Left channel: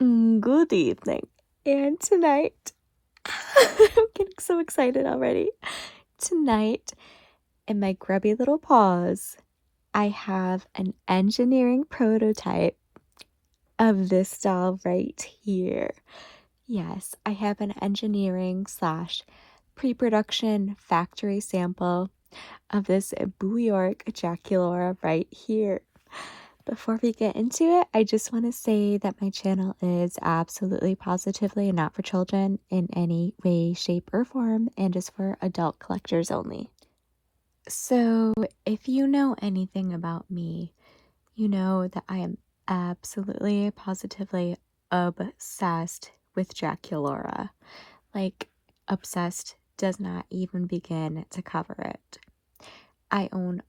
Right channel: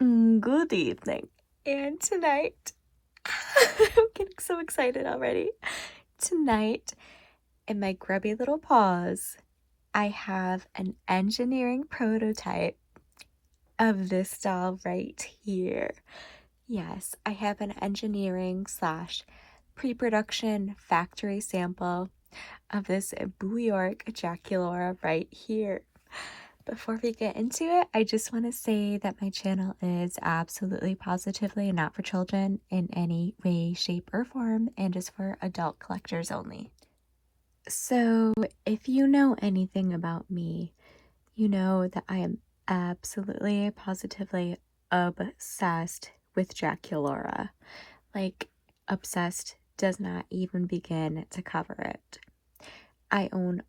Good evening. And tonight, I'm getting so excited already. Tonight, in my grubby little paws, I have an engineering prototype of this doll right here. Yes, I have an engineering slash pre-production factory sample of this York Draculaura right here. Before we get into it, I just want to say that my channel is absolutely positively not for children in any way, shape, or form, and is for adult collectors only. So, if you know anything about me, you know that I am absolutely positively obsessed with Draculaura. Like, obsessed does not even begin to cover it. I own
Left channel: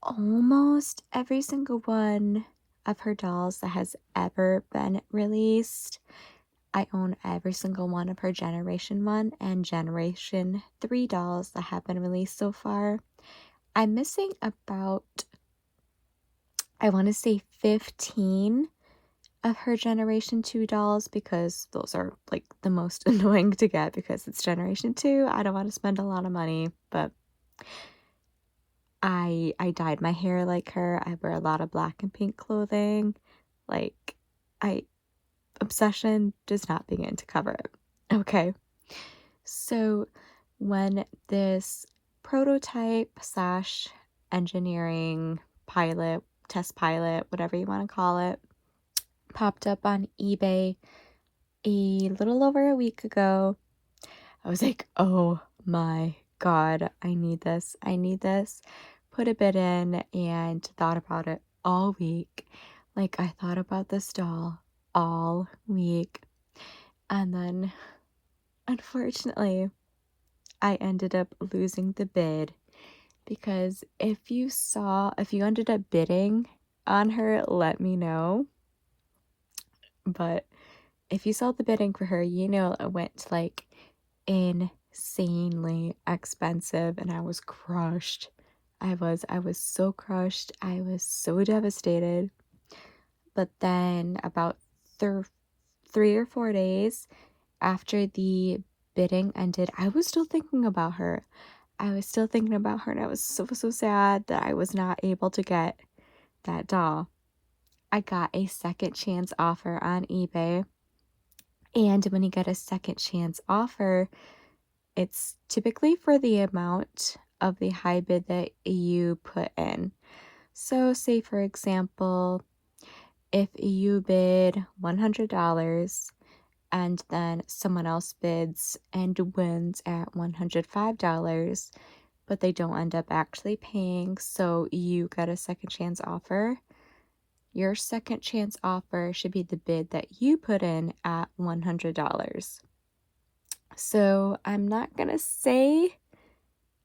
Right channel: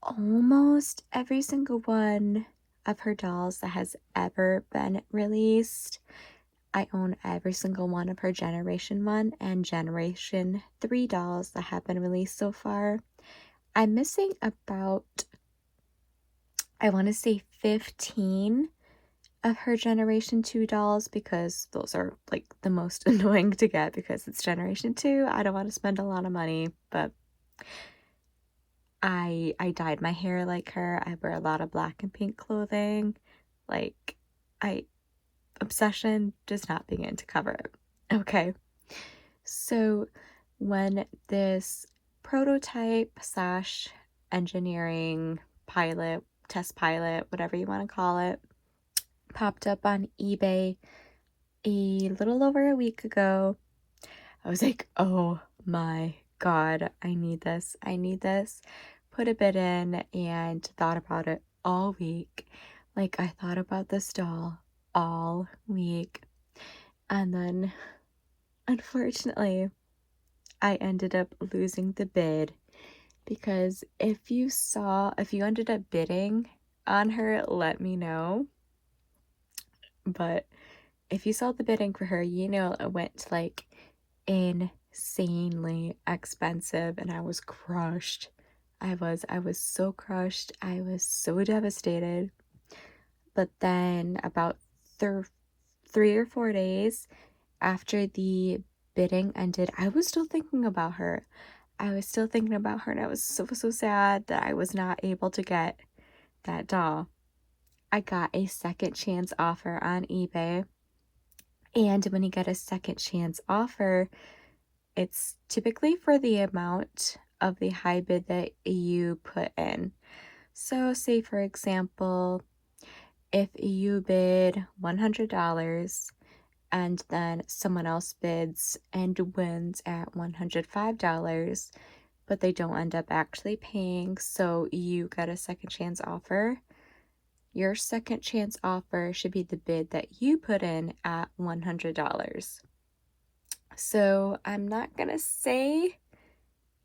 almost every single one of her dolls that has ever been released. I own every single one of her Generation 1 and Generation 3 dolls that have been released so far. I'm missing about, I want to say 15 of her Generation 2 dolls because those are like the most annoying to get because it's Generation 2. I don't want to spend a lot of money, but I dyed my hair like her. I wear a lot of black and pink clothing. Like, obsession does not begin to cover it. Okay. So when this prototype slash engineering pilot, test pilot, whatever you want to call it, popped up on eBay a little over a week ago, I was like, oh my God, I need this. I need this. Put a bid in and thought about it all week. Like, I thought about this doll all week. And then, unfortunately, I ended up losing the bid because if you ended up bidding on her, let me know. But if you saw the bidding for her, you know it went like insanely expensive and I was crushed. I was so crushed. I was so devastated. But then about 3 or 4 days after the bidding ended, I was still thinking about her. I was still thinking about her and I was so sad that I was not able to get that doll. I got a second chance offer on eBay. And when you get a second chance offer, it's typically for the amount of the high bid that you put in. So say for example, if you bid $100 and then someone else bids and wins at $105, but they don't end up actually paying, so you get a second chance offer. Your second chance offer should be the bid that you put in at $100. So I'm not going to say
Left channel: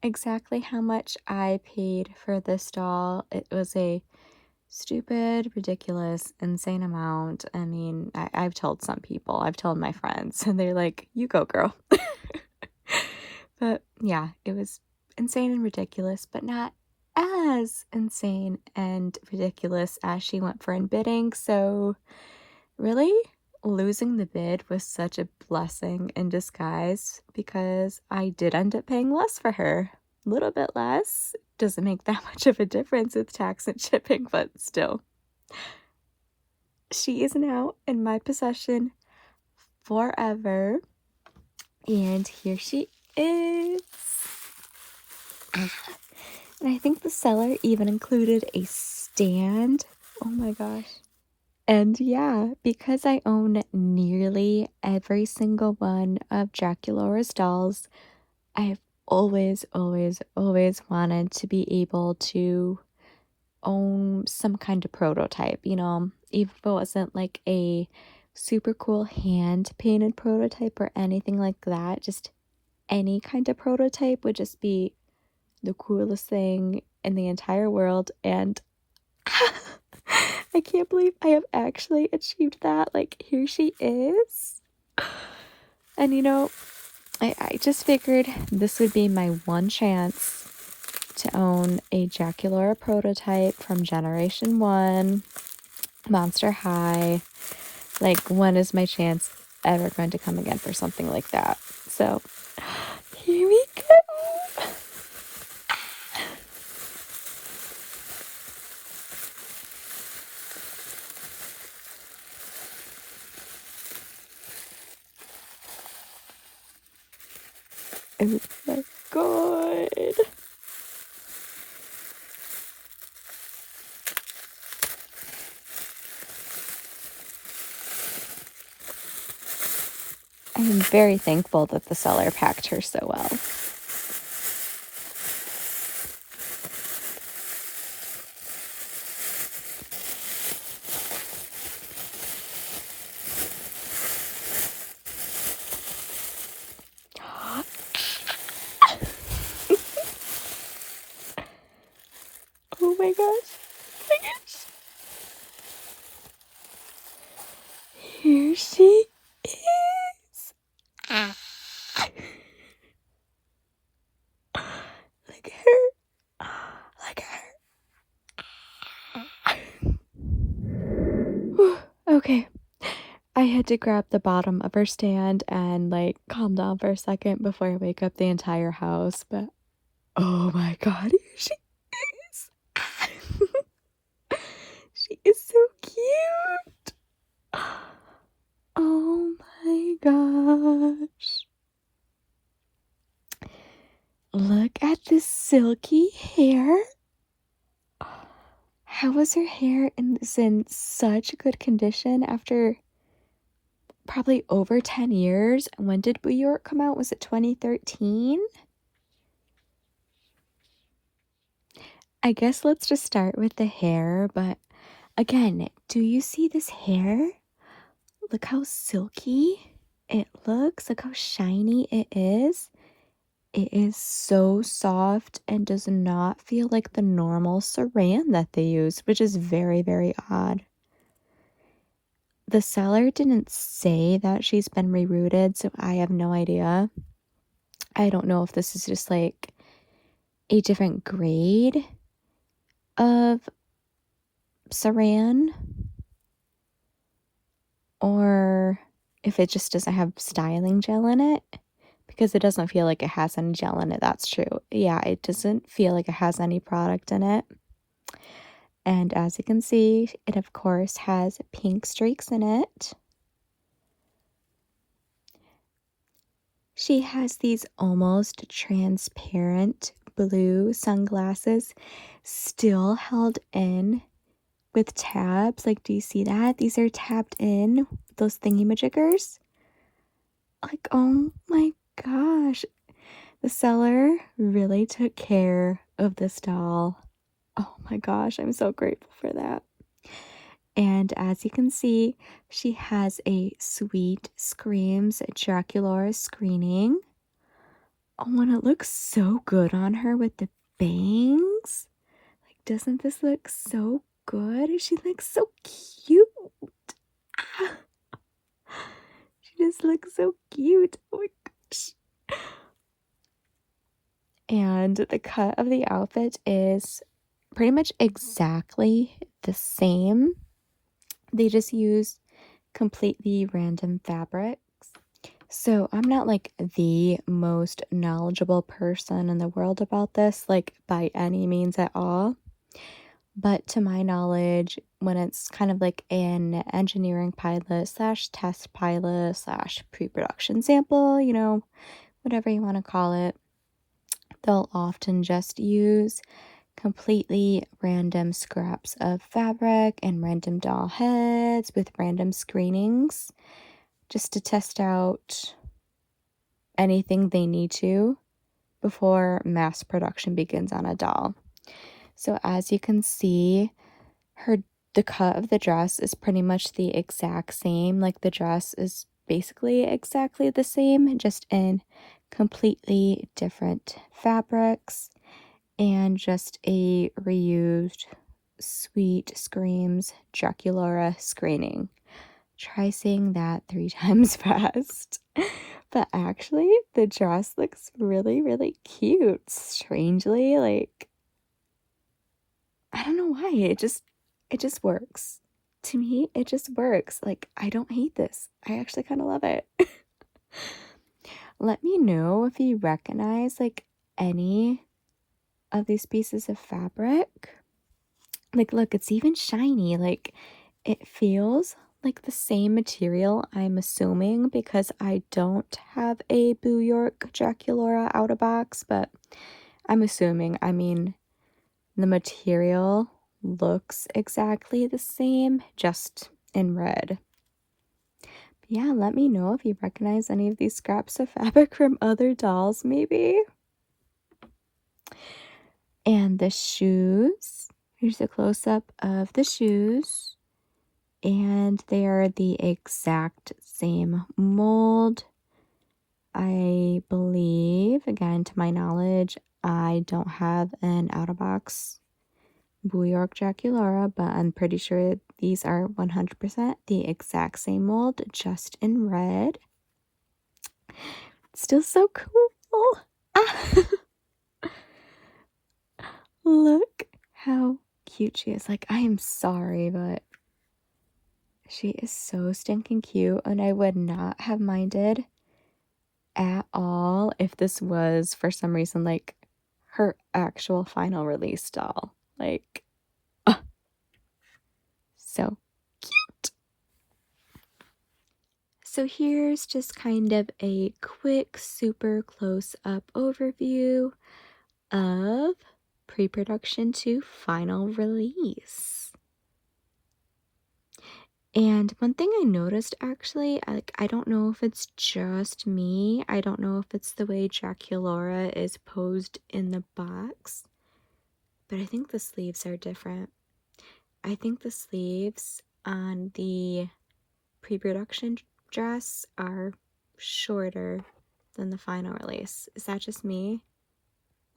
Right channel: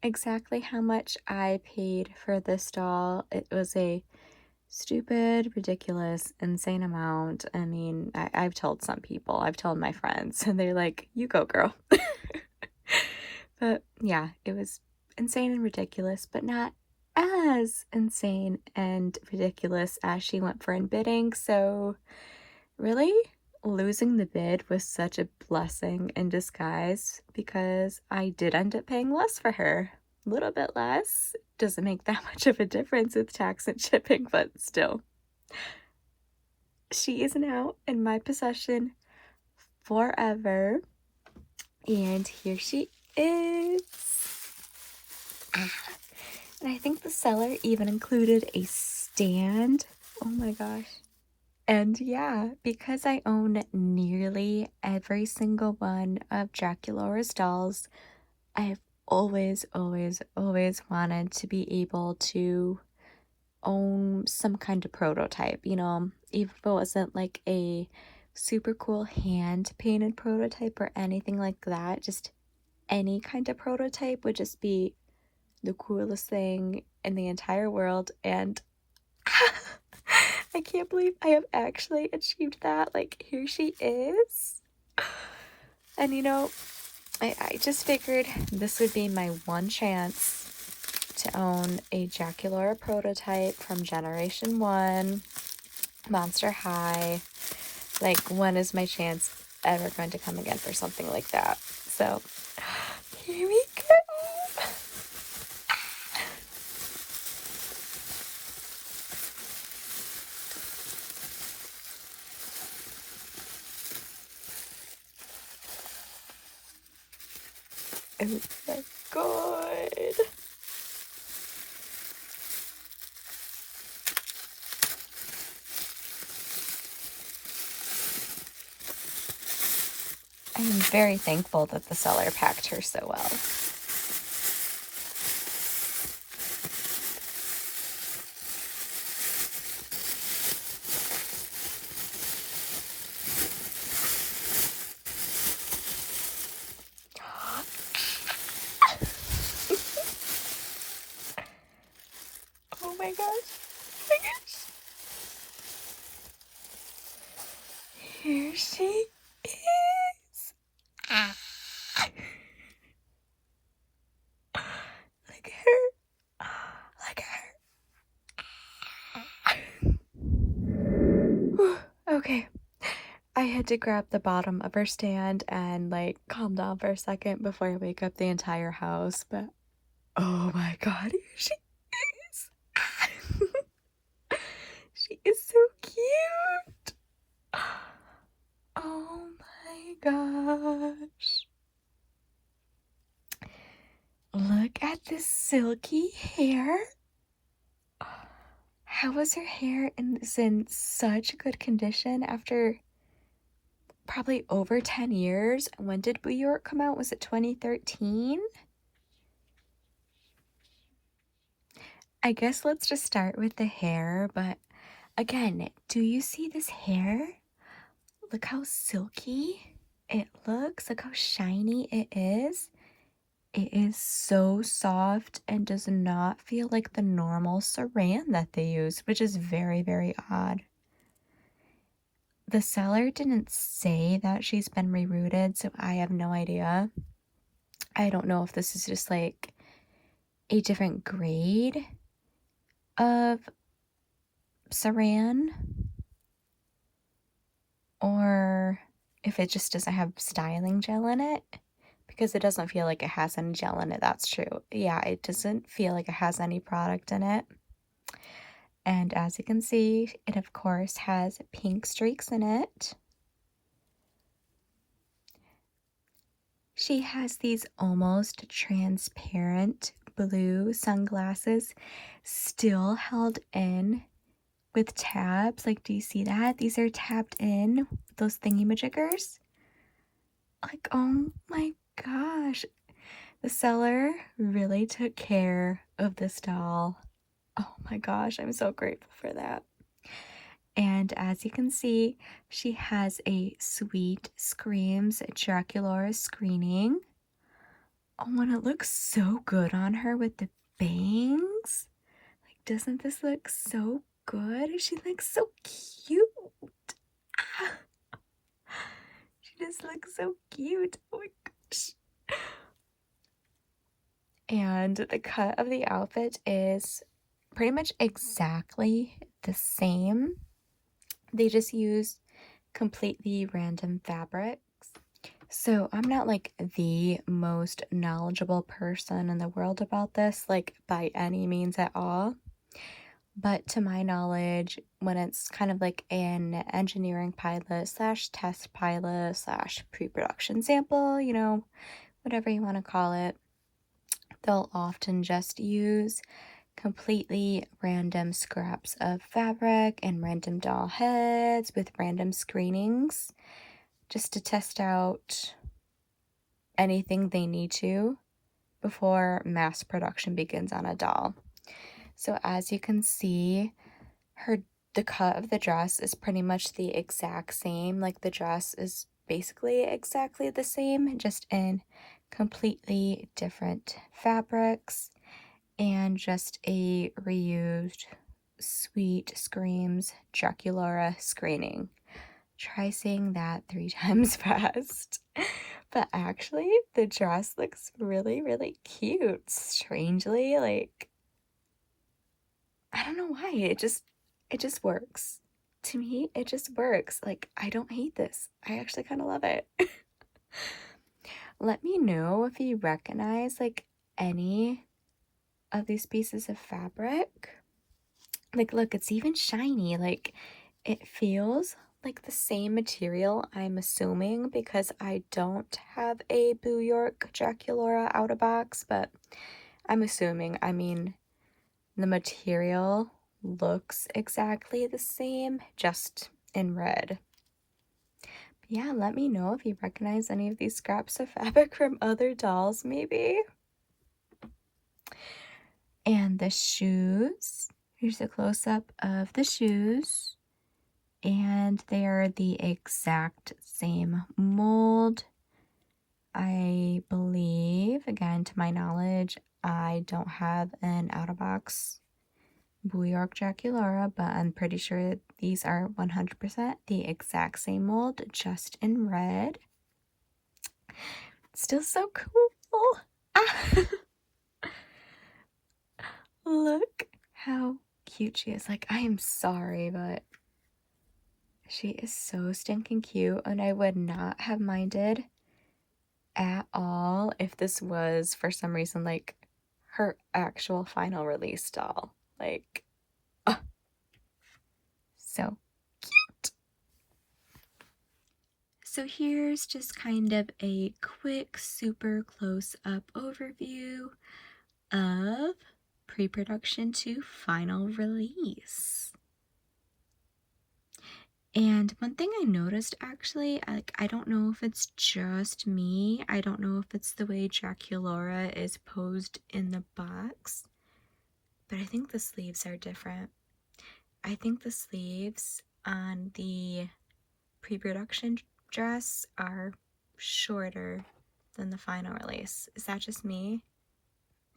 exactly how much I paid for this doll. It was a stupid, ridiculous, insane amount. I mean, I've told some people, I've told my friends, and they're like, you go, girl. But yeah, it was insane and ridiculous, but not as insane and ridiculous as she went for in bidding. So really, losing the bid was such a blessing in disguise because I did end up paying less for her. A little bit less. Doesn't make that much of a difference with tax and shipping, but still. She is now in my possession forever. And here she is. And I think the seller even included a stand. Oh my gosh. And yeah, because I own nearly every single one of Draculaura's dolls, I've always wanted to be able to own some kind of prototype, you know, even if it wasn't like a super cool hand painted prototype or anything like that, just any kind of prototype would just be the coolest thing in the entire world. And I can't believe I have actually achieved that. Like, here she is. And you know, I just figured this would be my one chance to own a Draculaura prototype from Generation 1, Monster High. Like, when is my chance ever going to come again for something like that? So, here we go. Oh my god. I am very thankful that the seller packed her so well. Oh my gosh. Oh my gosh. Here she is. Look at her. Look at her. Okay. I had to grab the bottom of her stand and like calm down for a second before I wake up the entire house, but oh my god, here she is. She is so cute. Oh my gosh. Look at this silky hair. How is her hair in such good condition after probably over 10 years? When did New York come out? Was it 2013? I guess let's just start with the hair, but again, do you see this hair? Look how silky it looks. Look how shiny it is. It is so soft and does not feel like the normal saran that they use, which is very, very odd. The seller didn't say that she's been rerouted, so I have no idea. I don't know if this is just like a different grade of saran or if it just doesn't have styling gel in it, because it doesn't feel like it has any gel in it. That's true. Yeah, it doesn't feel like it has any product in it. And as you can see, it of course has pink streaks in it. She has these almost transparent blue sunglasses still held in with tabs. Like, do you see that? These are tapped in, those thingy-majiggers. Like, oh my gosh. The seller really took care of this doll. Oh my gosh, I'm so grateful for that. And as you can see, she has a Sweet Screams Draculaura screening. Oh, and it looks so good on her with the bangs. Like, doesn't this look so good? She looks so cute. She just looks so cute. Oh my gosh. And the cut of the outfit is pretty much exactly the same. They just use completely random fabrics. So I'm not like the most knowledgeable person in the world about this, like by any means at all. But to my knowledge, when it's kind of like an engineering pilot slash test pilot slash pre-production sample, you know, whatever you want to call it, they'll often just use completely random scraps of fabric and random doll heads with random screenings just to test out anything they need to before mass production begins on a doll. So as you can see, the cut of the dress is pretty much the exact same. Like, the dress is basically exactly the same, just in completely different fabrics and just a reused Sweet Screams Draculaura screening. Try saying that 3 times fast. But actually, the dress looks really, really cute. Strangely, like, I don't know why. It just works. to me, it just works. Like, I don't hate this. I actually kind of love it. Let me know if you recognize like any of these pieces of fabric. Like, look, it's even shiny. Like, it feels like the same material, I'm assuming, because I don't have a Boo York Draculaura out of box, but I'm assuming. I mean, the material looks exactly the same, just in red. But yeah, let me know if you recognize any of these scraps of fabric from other dolls, maybe. And the shoes. Here's a close-up of the shoes. And they are the exact same mold. I believe, again, to my knowledge, I don't have an out-of-box Boo York Draculaura, but I'm pretty sure these are 100% the exact same mold, just in red. Still so cool. Look how cute she is. Like, I am sorry, but she is so stinking cute, and I would not have minded at all if this was, for some reason, like, her actual final release doll. Like, so cute. So here's just kind of a quick, super close-up overview of pre-production to final release. And one thing I noticed, actually, I don't know if it's just me. I don't know if it's the way Draculaura is posed in the box, but I think the sleeves are different. I think the sleeves on the pre-production dress are shorter than the final release. Is that just me?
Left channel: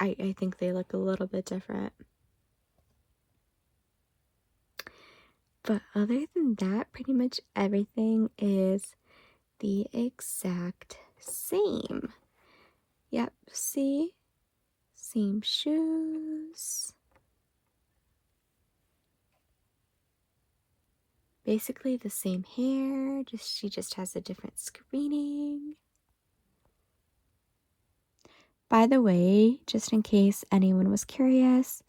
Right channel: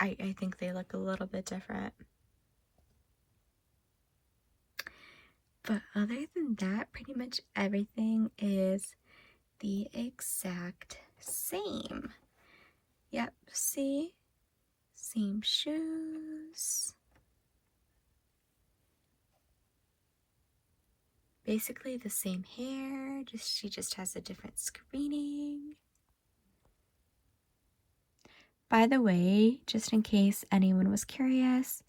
I think they look a little bit different. But other than that, pretty much everything is the exact same. Yep, see? Same shoes. Basically the same hair, she just has a different screening. By the way, just in case anyone was curious,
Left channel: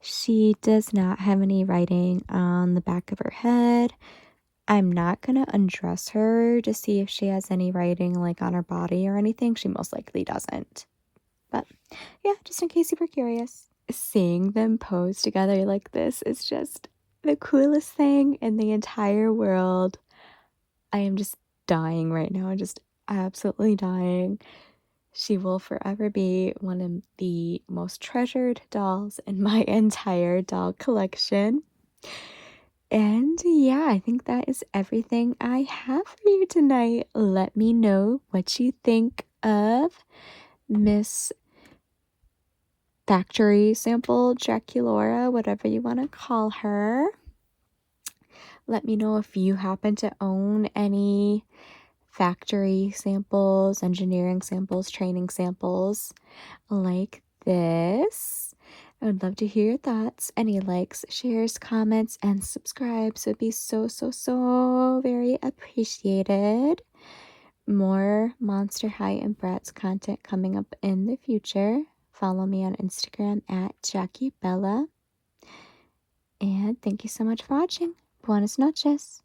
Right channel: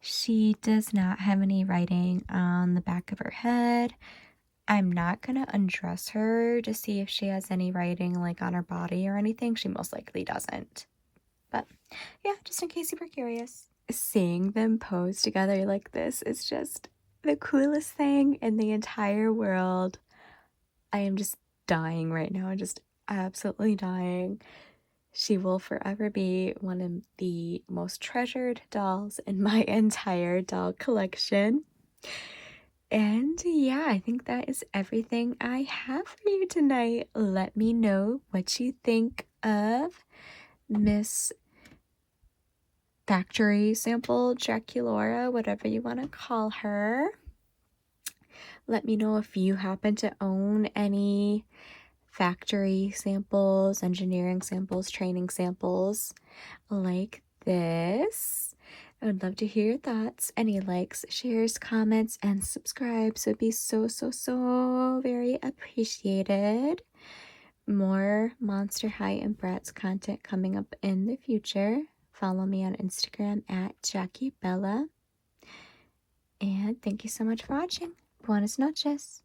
she does not have any writing on the back of her head. I'm not going to undress her to see if she has any writing like on her body or anything. She most likely doesn't. But yeah, just in case you were curious. Seeing them pose together like this is just the coolest thing in the entire world. I am just dying right now. Just absolutely dying. She will forever be one of the most treasured dolls in my entire doll collection. And yeah, I think that is everything I have for you tonight. Let me know what you think of Miss Factory Sample Draculaura, whatever you want to call her. Let me know if you happen to own any factory samples, engineering samples, training samples like this. I would love to hear your thoughts. Any likes, shares, comments, and subscribes would be so very appreciated. More Monster High and Bratz content coming up in the future. Follow me on Instagram at Jackie Bella. And thank you so much for watching. Buenas noches.